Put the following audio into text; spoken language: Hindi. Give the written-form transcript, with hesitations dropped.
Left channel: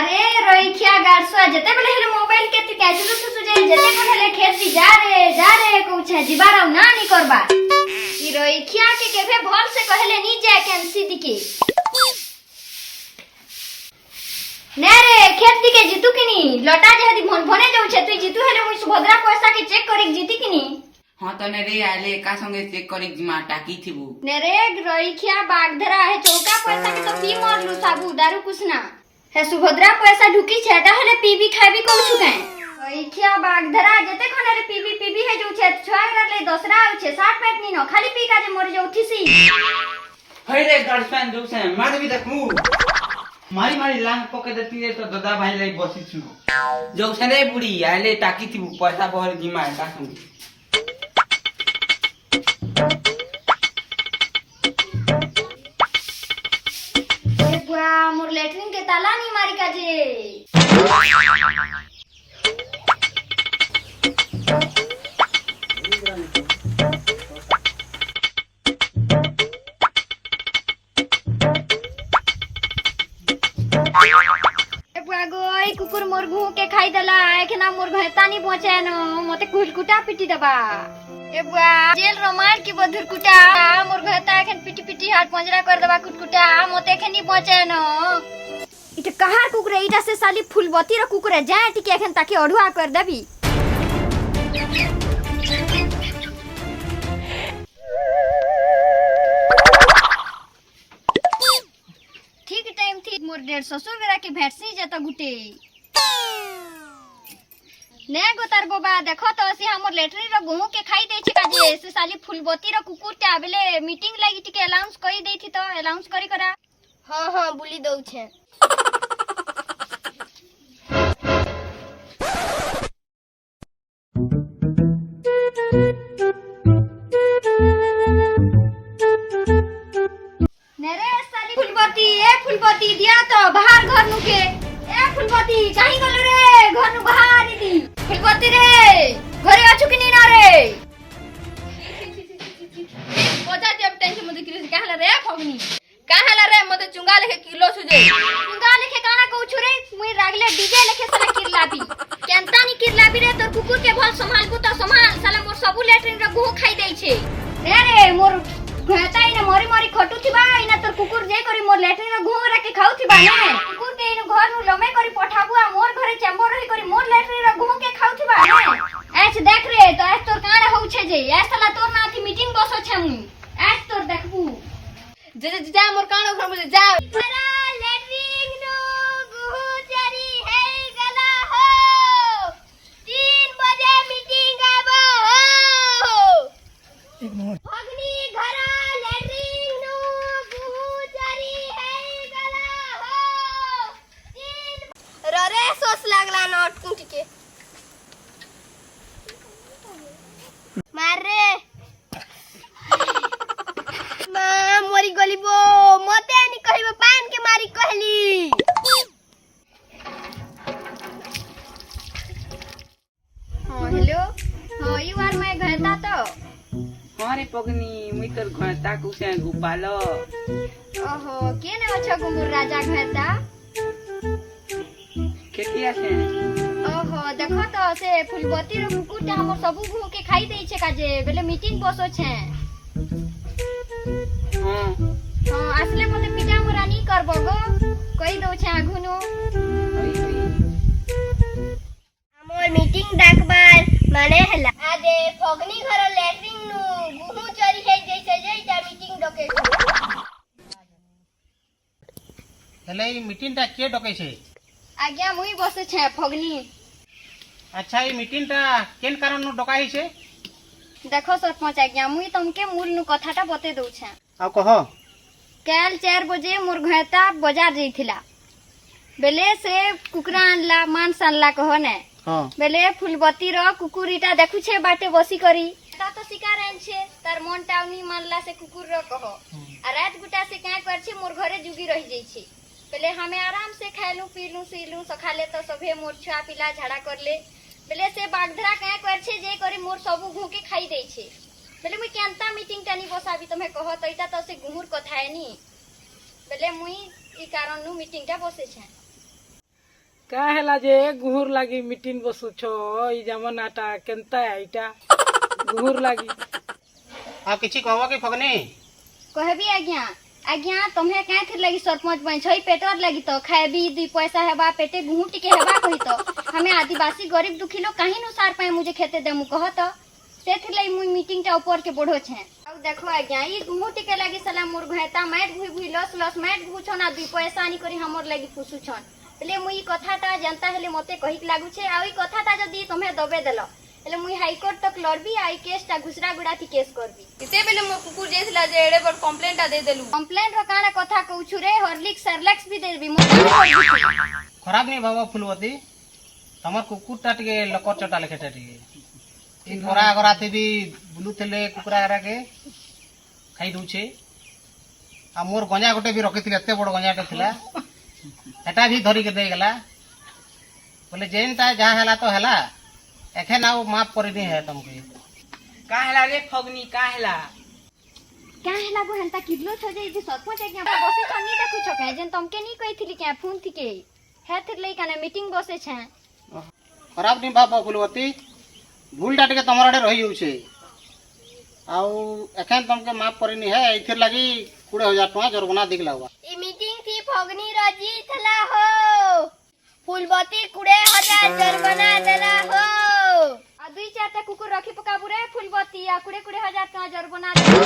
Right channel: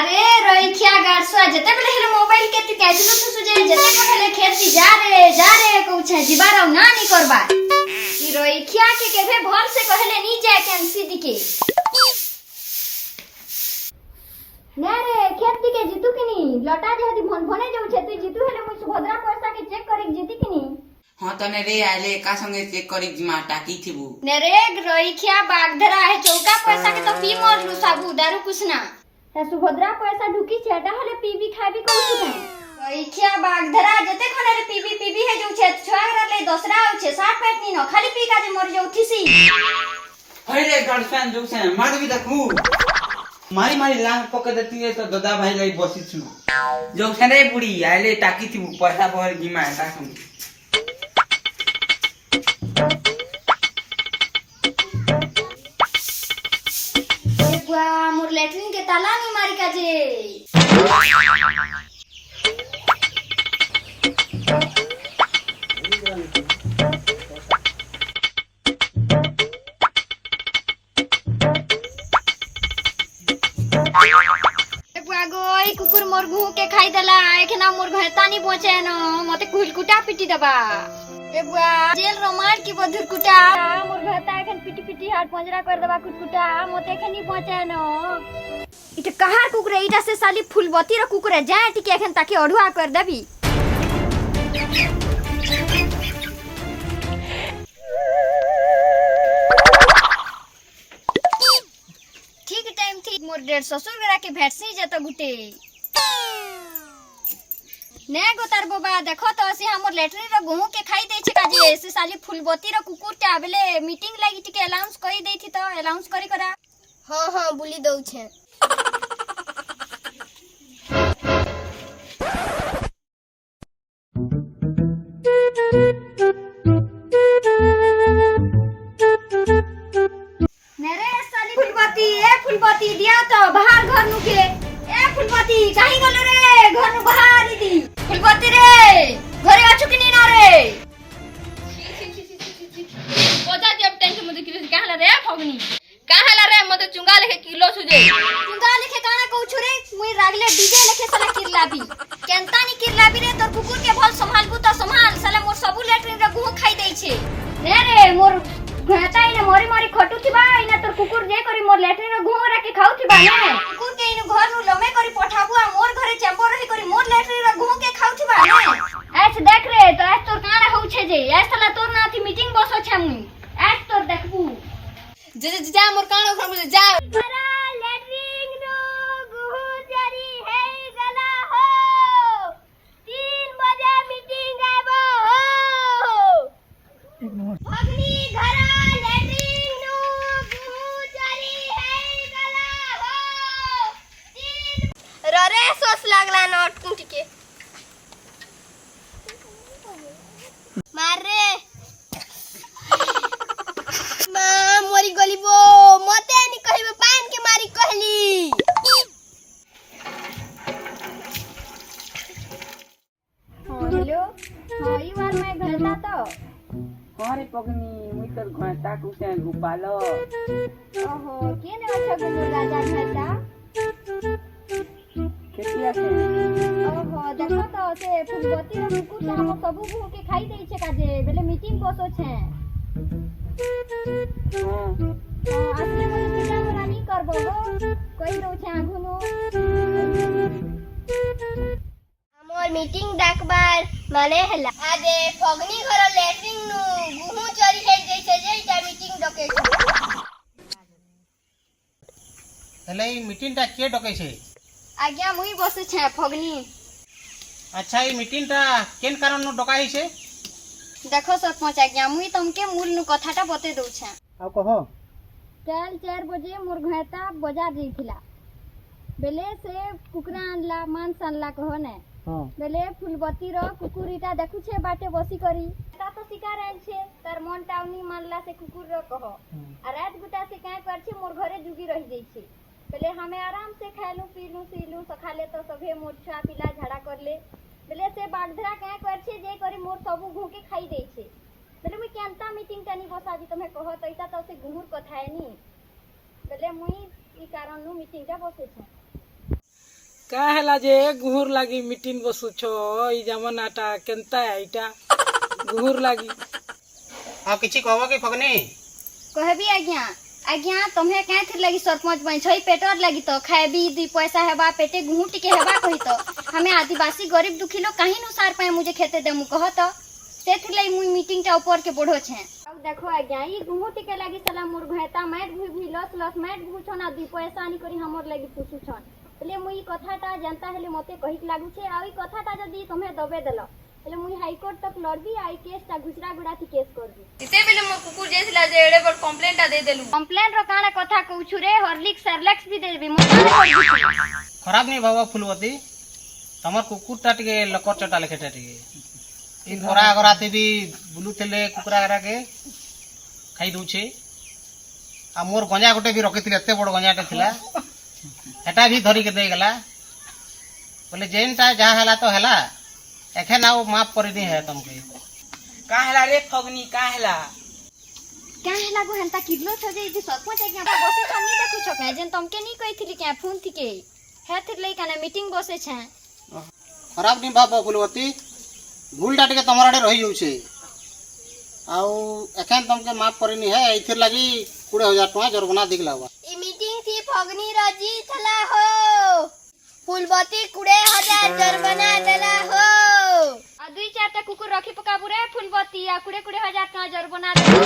अरे रोइखिया गारसुआ जते बेले हेले मोबाइल केति कैजुलु थुसु जे जते हेले खेती जा रे कहू जिबार ना नी करबा ई रोइखिया के केभे भल से कहले नी जाय कैंसी दिके ने रे खेती के जीतू किनी लटा जहदी भने जाउ छे तू जीतू हेले मुई सुभद्रा पैसा के चेक करिक जीती किनी हां त ने रे आले का संगे चेक करिक जिमा टाकी थिबु ने रे रोइखिया बागधरा है चौका पैसा के तो पी मरलु साबू दारू कुछना है सुभद्रा पैसा ढुकी छेटा हेले पीबी खाबी कहू छु के रोइखिया बागधरा जते खने रे पीबी है जो छे छुआरा ले दोसरा आउ छे 60 पेट नी न खाली पी का जे मर जाउ थिसी हई रे गर्लफ्रेंड जो से मार भी देखू मारी लांग पके देती है तो दादा भाई लाई बसी छु जो से रे बुढ़ी आले टाकी थिबु पैसा भर जिमा का संगे मोर लेटरिन के ताला नहीं मारी का जे गोई कुकुर मोर घू के खाई देला एखना मोर घरता नहीं पहुंचे न मते कुलकुटा पिटी दबा ए बुआ जेल रो मार की बधुर कुटा मोर घरता एखन पिटी हाथ पंजरा कर दबा कुटकुटा मते एखन नहीं पहुंचे न इते कहार कुकुर इटा से साली फूलबती रो कुकुर जाय टिके एखन ताके अढुआ कर दबी ठीक टाइम थी मोर डेढ़ ससुर गरा के भेटसी जत गुटे ने गोतार बाबा देखो तो से हमर लेटरी रो गुहू के खाई दे छै काजे से साली फूलबती रो कुकुर ते आबेले मीटिंग लागि टिके अनाउंस करी देथि तो अनाउंस करी करा हां बुली दउ छै नेरे साली फूलबती दिया तो बाहर घर नु के ए फूलबती काहे गलो रे घर नु बाहर दी फूलबती रे घरे आछु कि नहीं ना रे पता जब टेंशन मते किलो काहला रे फगनी काहला रे मते चुंगा लेके किलो सुजे चुंगा लेके काना कहू छु रे मुई रागले डीजे लेके साला किरलाबी केनता नी किरलाबी रे तोर कुकुर के भल संभालबू तो संभाल साला मोर सबु लेटरिन रे गुह खाई देई छे रे मोर घता इने मरी खटू थिबा इना तोर कुकुर जे करी मोर लेटरिन रे गुह राके खाउ थिबा ने कुकुर के इने घर नु लमे करी पठाबू आ मोर घरे चेंबर रही करी मोर लेटरिन रे गुह के खाउ थिबा ने एछ देख रे तो एछ तोर काना होउ छे जे एछ साला तोर नाथी मीटिंग बसो छे मुई एछ तोर देखबू जा मोर कानो घर मुझे जा मारा लेटरिन नु गुह चरी हे गला हो 3 बजे मीटिंग आबो हो अग्नि घरा लेटरिन नु गुह चरी हे गला हो 3 ररे सोस लागला नोट कुंटिके मारे मोरी गलिबो मते नि कहिबो पान के मारी कहली हां हेलो हां ई बार मैं घरता तो अरे पगनी मुई तोर घरता कुसे गोपालो ओहो केने अच्छा गुमुर राजा घरता केतिया से ओहो देखो तो से फूलबती रो कुकुरटा हमर सबु भू के खाई देई छे काजे बेले मीटिंग बसो छे हां असले मते पिजा मोरा नी करबो गो कहि दउ छे आघुनो हमर मीटिंग डाकबार माने हला आजे फगनी घर लेटरिन नु गुहू चरी हे जैसे जेटा मीटिंग डके हेले ई मीटिंग ता के डकै छे आज्ञा मुई बसे छे फगनी अच्छा ई मीटिंग ता केन कारण नु डकाई छे देखो सरपंच आज्ञा मुई तुमके मूल नु कथाटा बते दउ छे आ कहो कल 4 बजे मोर घरता बाजार जइथिला बेले से कुकरा आनला मांस आनला कहो ने हां बेले फूलबती रो कुकुरीटा देखु छे बाटे बसी करी ता तो शिकार आन छे तार मन टाउनी मानला से कुकुर रो कहो आ रात गुटा से का कर छे मोर घरे जुगी रहि जाई छे बेले हमें आराम से खाइलू पीलू सीलू सखाले तो सभे मोर छुआ पिला झाड़ा करले बेले से बागधरा का कर छे जे करी मोर सबु घू के खाई देई छे बेले मुई केनता मीटिंग टानी बसाबी तमे कहो त इटा त से गुहुर कथा है नी बेले मुई ई कारण नु मीटिंग टा बसे छे का हैला जे गुहुर लागी मीटिंग बसुछ ई जमानाटा केनता एटा गुहुर लागी आ किछि कहबो कि फगनी कहबी आज्ञा आज्ञा तुम्हें काहे थी लगी सरपंच बन छई पेटर लगी तो खाएबी दी पैसा हेबा पेटे गुहू टिके हेबा कही तो हमें आदिवासी गरीब दुखी लोग काहे नु सार पाए मुझे खेते देमु कह तो से थी लई मुई मीटिंग टा ऊपर के बढ़ो छे अब देखो आज्ञा ई गुहू टिके लगी साला मोर घएता मैट भुई भुई लस लस मैट भू छना दी पैसा आनी करी हमर लगी पुसु छन ले मुई कथाटा जनता हेले मते कहिक लागु छे आ ई कथाटा जदी तुम्हें दबे देलो हेले मुई हाई कोर्ट तक लड़बी आई केस टा घुसरा गुड़ा थी केस करबी इते बेले मोर कुकुर जेथिला जे एड़े बड़ कंप्लेंट दे देलु कंप्लेन रो काना कथा कहू रे हॉर्लिक्स सरलेक्स भी देबी मोर खराब नहीं भाव फुलवती तमर कुकुरटा टिके लकर चटा लेखेटा टिके इन मोरा गराते भी बुलुतेले कुकुरा गरा के खाई दउछे आ मोर गंजा गोटे भी रखिथिले एते बड़ गंजाटे थिला एटा भी धरी के दे गला बोले जेनटा जहां हला तो हला एखन आउ माफ कर दी है तुमके का हैला रे फगनी का हैला क्या है गो हंता किलो छ जे इदी सरपंच आज्ञा बसे छ नी देखु छ के जेन तुमके नी कहिथिली क्या फोन थी के हे थिर लई काना मीटिंग बसे छ खराब नहीं भाव फुलवती भूलटा टिके तमर आडे रही जाउछे आउ एखन तुमके माफ करनी है इथिर लगी 20000 टका जुर्माना दिगला हुआ ई मीटिंग थी फगनी रजी थला हो फूलबती 20000 जुर्माना देला हो आ दुई चारटा कुकुर रखी पकाबू रे फूलबती आ 20000 टका जुर्माना देला